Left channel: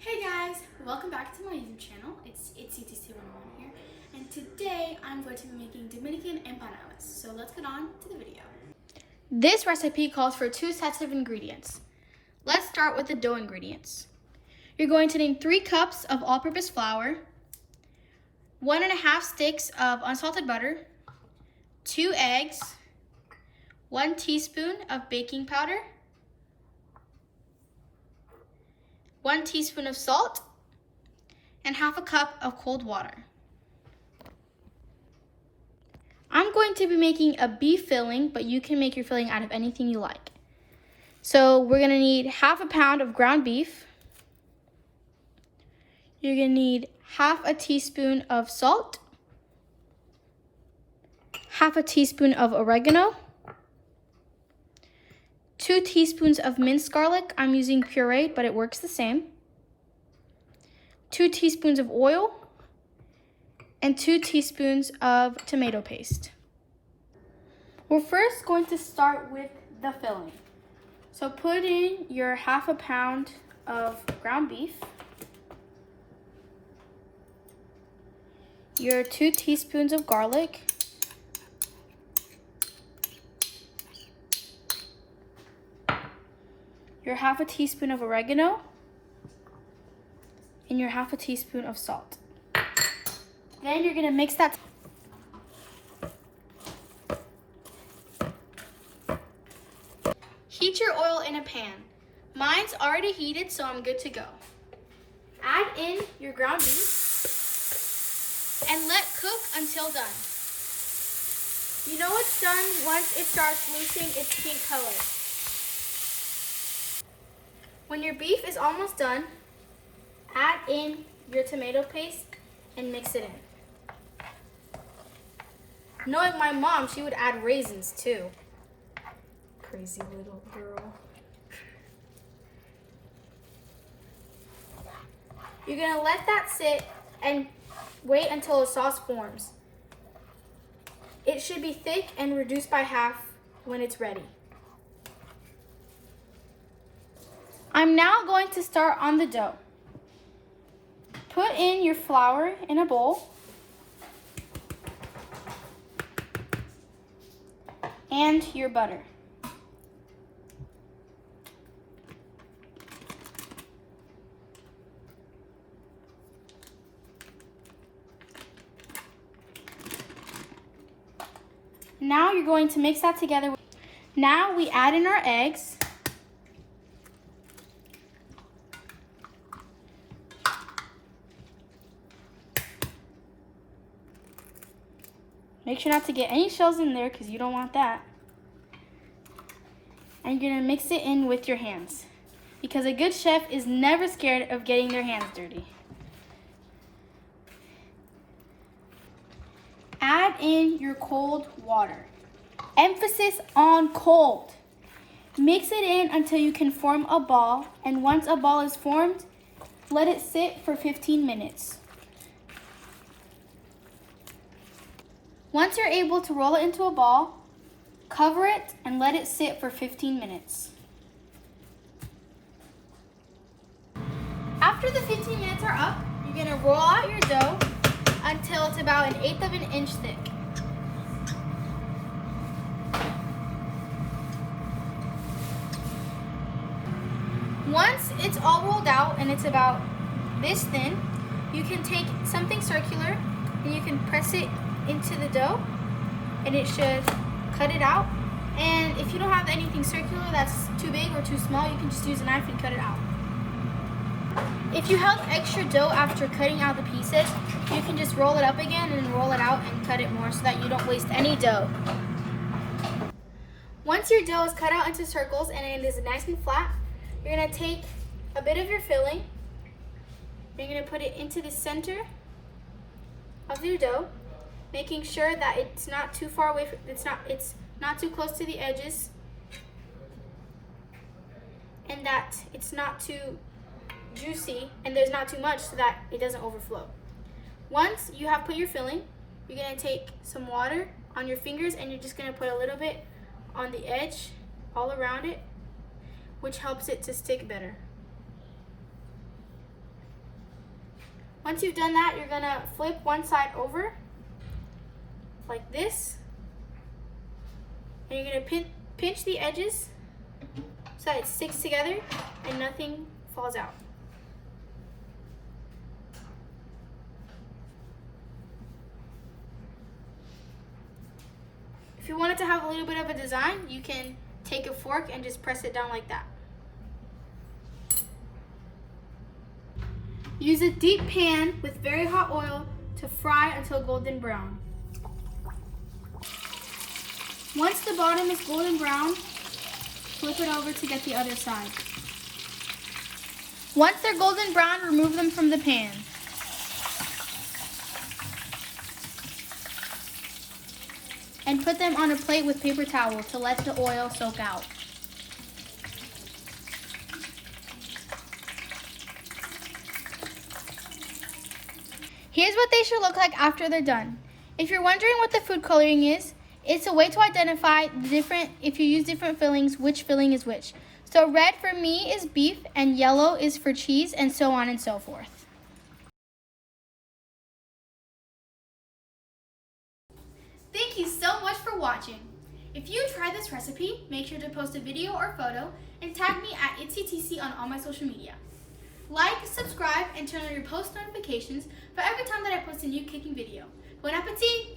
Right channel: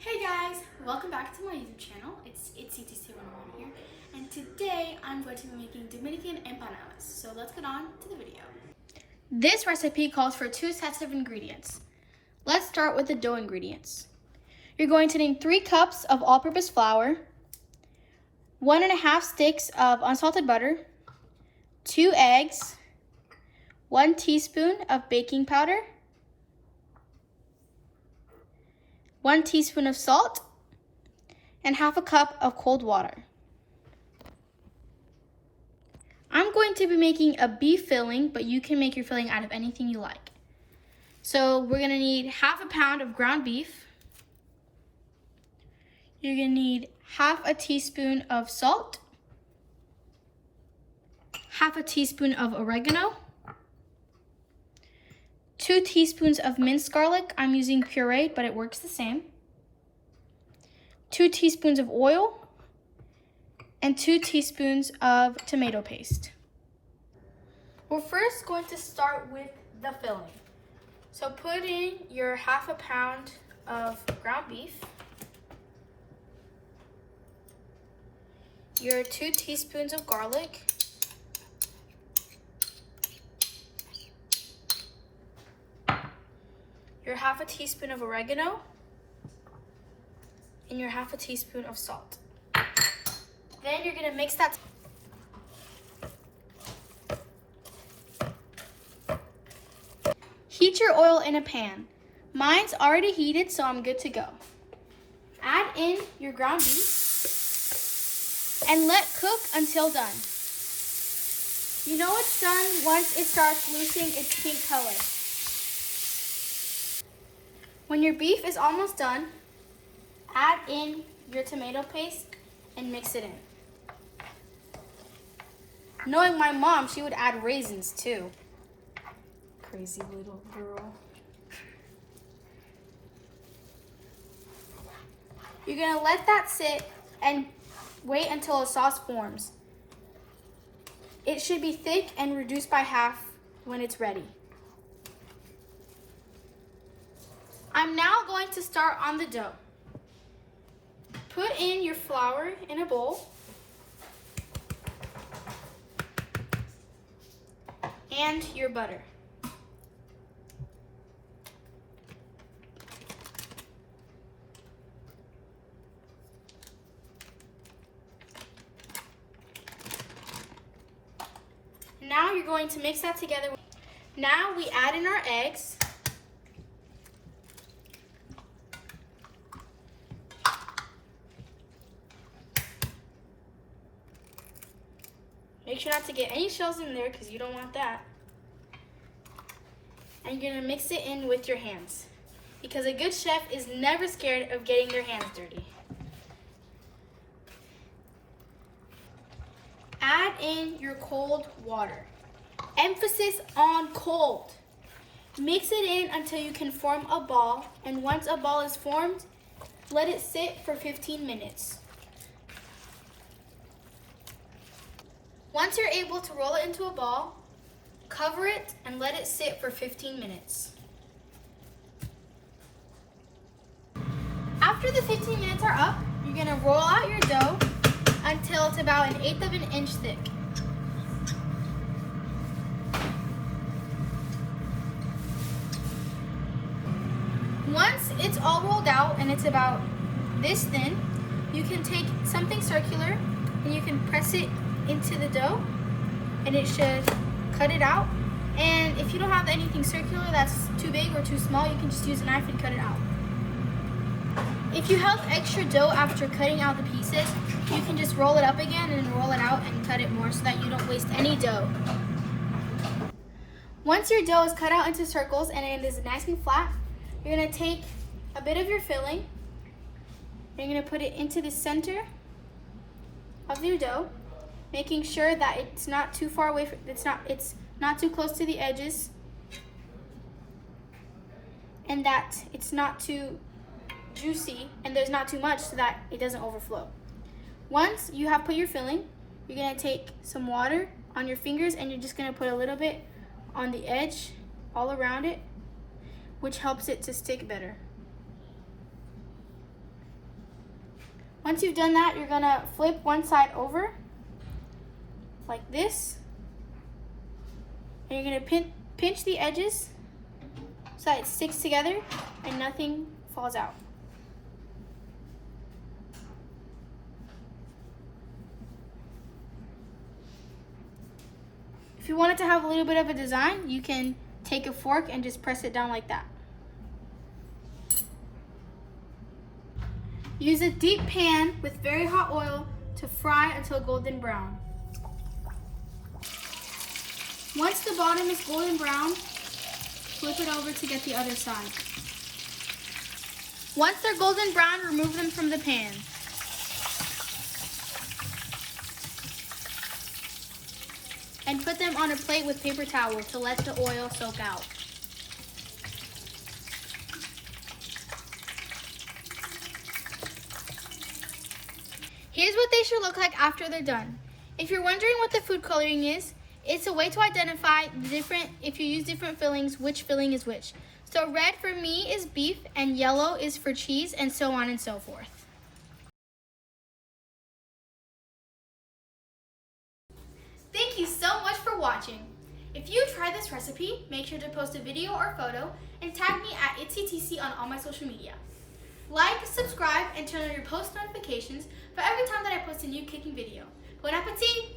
Hey guys, welcome back to my YouTube channel. It's CTC101 here, and today I'm going to be making Dominican Empanadas. So let's get on to the video. This recipe calls for 2 sets of ingredients. Let's start with the dough ingredients. You're going to need 3 cups of all-purpose flour, 1.5 sticks of unsalted butter, 2 eggs, 1 teaspoon of baking powder, 1 teaspoon of salt, and 1/2 cup of cold water. I'm going to be making a beef filling, but you can make your filling out of anything you like. So we're gonna need 1/2 pound of ground beef. You're gonna need 1/2 teaspoon of salt, 1/2 teaspoon of oregano, 2 teaspoons of minced garlic. I'm using puree, but it works the same. 2 teaspoons of oil, and 2 teaspoons of tomato paste. We're first going to start with the filling. So put in your 1/2 pound of ground beef, your 2 teaspoons of garlic, your 1/2 teaspoon of oregano, and your 1/2 teaspoon of salt. Then you're gonna mix that. Heat your oil in a pan. Mine's already heated, so I'm good to go. Add in your ground beef and let cook until done. You know it's done once it starts losing its pink color. When your beef is almost done, add in your tomato paste and mix it in. Knowing my mom, she would add raisins too. Crazy little girl. You're gonna let that sit and wait until a sauce forms. It should be thick and reduced by half when it's ready. I'm now going to start on the dough. Put in your flour in a bowl and your butter. Now you're going to mix that together. Now we add in our eggs. Make sure not to get any shells in there because you don't want that. And you're gonna mix it in with your hands because a good chef is never scared of getting their hands dirty. Add in your cold water. Emphasis on cold. Mix it in until you can form a ball, and once a ball is formed, let it sit for 15 minutes. Once you're able to roll it into a ball, cover it and let it sit for 15 minutes. After the 15 minutes are up, you're gonna roll out your dough until it's about 1/8 of an inch thick. Once it's all rolled out and it's about this thin, you can take something circular and you can press it into the dough and it should cut it out. And if you don't have anything circular that's too big or too small, you can just use a knife and cut it out. If you held extra dough after cutting out the pieces, you can just roll it up again and roll it out and cut it more so that you don't waste any dough. Once your dough is cut out into circles and it is nice and flat, you're gonna take a bit of your filling and you're gonna put it into the center of your dough, making sure that it's not too far away from, it's not too close to the edges, and that it's not too juicy and there's not too much so that it doesn't overflow. Once you have put your filling, you're gonna take some water on your fingers and you're just gonna put a little bit on the edge all around it, which helps it to stick better. Once you've done that, you're gonna flip one side over like this. And you're gonna pinch the edges so that it sticks together and nothing falls out. If you want it to have a little bit of a design, you can take a fork and just press it down like that. Use a deep pan with very hot oil to fry until golden brown. Once the bottom is golden brown, flip it over to get the other side. Once they're golden brown, remove them from the pan. And put them on a plate with paper towel to let the oil soak out. Here's what they should look like after they're done. If you're wondering what the food coloring is, it's a way to identify if you use different fillings, which filling is which. So red for me is beef and yellow is for cheese, and so on and so forth. Thank you so much for watching. If you try this recipe, make sure to post a video or photo and tag me at itsctc on all my social media. Like, subscribe, and turn on your post notifications for every time that I post a new cooking video. Bon appetit!